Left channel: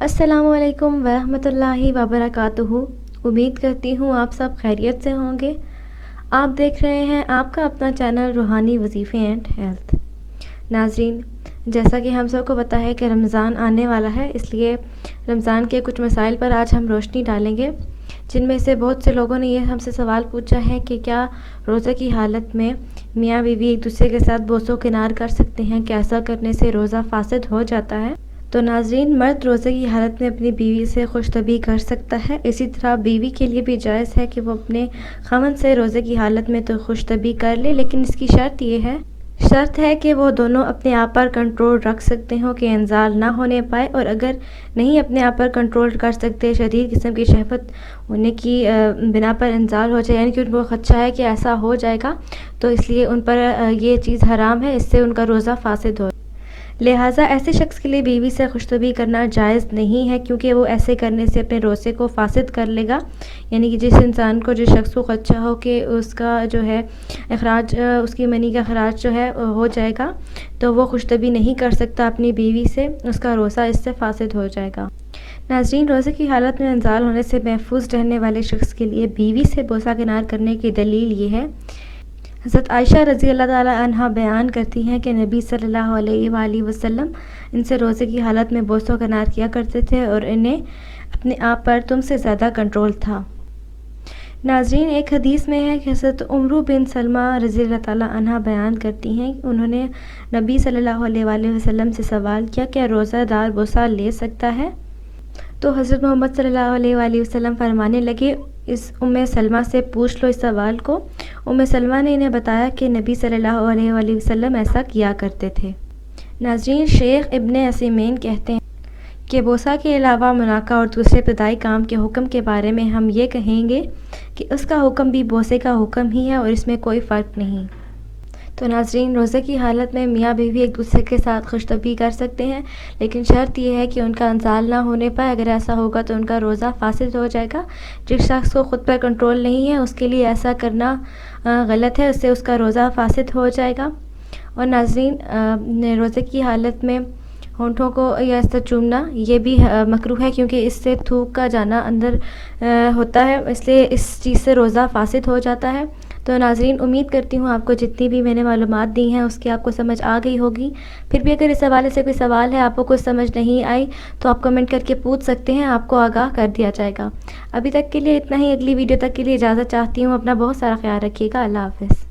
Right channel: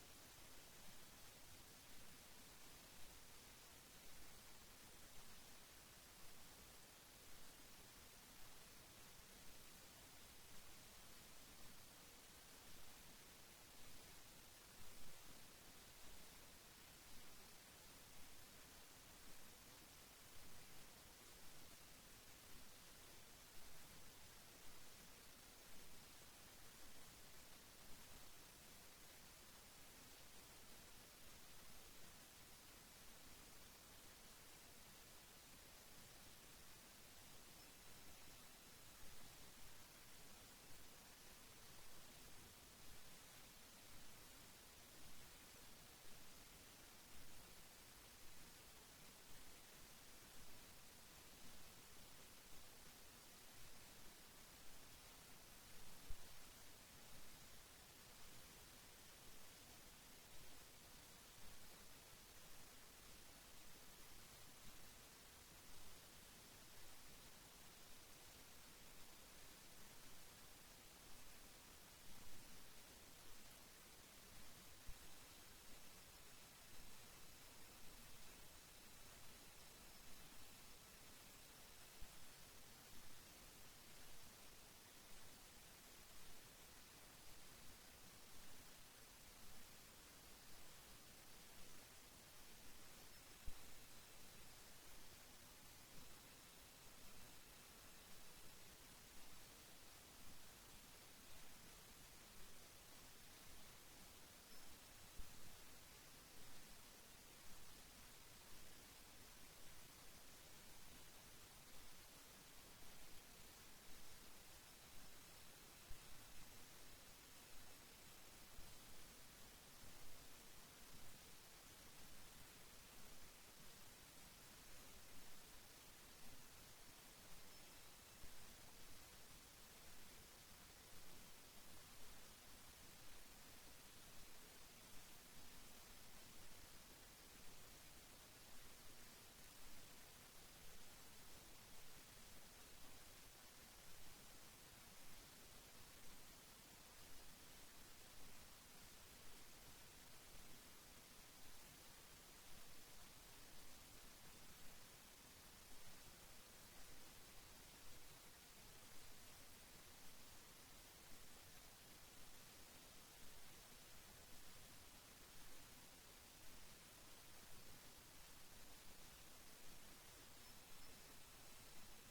السلام علیکم ورحمۃ اللہ وبرکاتہ۔ امید کرتی ہوں آپ سب خیریت سے ہوں گے۔ آپ دیکھ رہے ہیں آپ کا اپنا چینل روحانی وظیفے اینڈ ہیلتھ۔ ناظرین، جیسا کہ ہم سب کو پتہ ہے کہ رمضان آنے والا ہے، اس لیے رمضان کے کچھ مسائل پر آج ہم روشنی ڈالیں گے، جن میں سے بہت سے لوگوں نے یہ ہم سے سوال پوچھا ہے کہ کیا روزہ کی حالت میں میاں بیوی ایک دوسرے کے ساتھ بوس و کنار کر سکتے ہیں؟ کہ ایسا کرنے سے روزہ فاسد ہو جاتا ہے؟ تو ناظرین، مرد روزے کی حالت میں اپنی بیوی سے خوش طبعی کر سکتا ہے، اسی طرح بیوی کے لیے بھی جائز ہے کہ وہ اپنے خاوند سے روزے کی حالت میں تو خوش طبعی کر لے، لیکن اس کی شرط ہے کہ وہ دونوں اپنے آپ پر کنٹرول رکھ سکتے ہوں کہ انزال نہ ہونے پائے، اور اگر نہیں اپنے آپ پر کنٹرول کر سکتے، شدید قسم کی شہوت ہونے کی بنا پر انزال ہو جائے، یعنی کہ ان کو خدشہ ہے کہ ایسا ہو جائے گا، تو اس لیے ان پر یہ چیز حرام ہے، اس سے ان کا روزہ فاسد ہو۔ لہٰذا ایسے شخص کے لیے بیوی سے خوش طبعی کرنا جائز نہیں ہے، کیونکہ وہ ایسے کرنے سے اپنے روزے کو فاسد کر لے گا۔ یعنی کہ جس انسان کو، جس شخص کو خدشہ ہو کہ اس کا جو ہے اخراج، اس کی منی کا اخراج جو ہے ہو جائے گا، تو وہ خوش طبعی نہیں کر سکتا اپنی بیوی سے، اس کا روزہ اس سے فاسد ہو جائے گا۔ ناظرین، روزے کی حالت میں انزال ہونے سے محفوظ رہنے والے شخص کے لیے بیوی سے بوسہ کنار کرنے کی دلیل یہ ہے۔ حضرت عائشہ رضی اللہ تعالیٰ عنہا بیان کرتی ہیں کہ نبی صلی اللہ علیہ وآلہ وسلم ان سے روزے کی حالت میں بوس و کنار کیا کرتے تھے اور انہیں اپنے آپ پر تم سے زیادہ کنٹرول تھا۔ ناظرین، ایک حدیث میں ہے کہ حضرت عمرو بن سلمہ رضی اللہ تعالیٰ عنہ بیان کرتی ہیں کہ انہوں نے نبی صلی اللہ علیہ وآلہ وسلم سے سوال کیا، کیا روزہ دار بوسہ لے سکتا ہے؟ تو حضرت محمد صلی اللہ علیہ وآلہ وسلم فرمانے لگے، اس ام سلمہ سے پوچھ لو اس سوال کو۔ ام سلمہ نے انہیں بتایا کہ نبی صلی اللہ علیہ وآلہ وسلم ایسا کیا کرتے تھے۔ ناظرین، شیخ ابن عثیمین کہتے ہیں کہ بوسہ کے علاوہ مناکہ اور دوسرے ابتدائی کام کے حکم کے بارے میں ہم یہ کہیں گے کہ اس کا حکم بھی بوسے کا حکم ہی ہے اور اس میں کوئی فرق نہیں۔ تو ناظرین، روزے کی حالت میں میاں بیوی ایک دوسرے کے ساتھ خوش طبعی کر سکتے ہیں، لیکن شرط یہ ہے کہ ان کا انزال نہ ہونے پائے۔ اگر ایسا ہوگا تو ان کا روزہ فاسد ہو جائے گا۔ جس شخص کو خود پر کنٹرول نہیں ہے، اس کے لیے ایسا کرنا غلط ہے، اس سے اس کا روزہ فاسد ہو جائے گا۔ اور ناظرین، روزے کی حالت میں ہونٹوں کو یا اس طرح چومنا یہ بھی مکروہ ہے، کیونکہ اس سے تھوک کا جانا اندر ہوتا ہے، اس لیے اس چیز سے روزہ فاسد ہو جاتا ہے۔ تو ناظرین، امید کرتی ہوں آپ کو جتنی بھی میں نے معلومات دی ہیں اس کی آپ کو سمجھ آ گئی ہوگی۔ پھر بھی اگر اس حوالے سے کوئی سوال ہے، آپ کو کچھ سمجھ نہیں آئی، تو آپ کمنٹ کر کے پوچھ سکتے ہیں، آپ کو آگاہ کر دیا جائے گا۔ ابھی تک کے لیے اتنا ہی، اگلی ویڈیو تک کے لیے اجازت چاہتی ہوں۔ اپنا بہت سارا خیال رکھیے گا۔ اللہ حافظ۔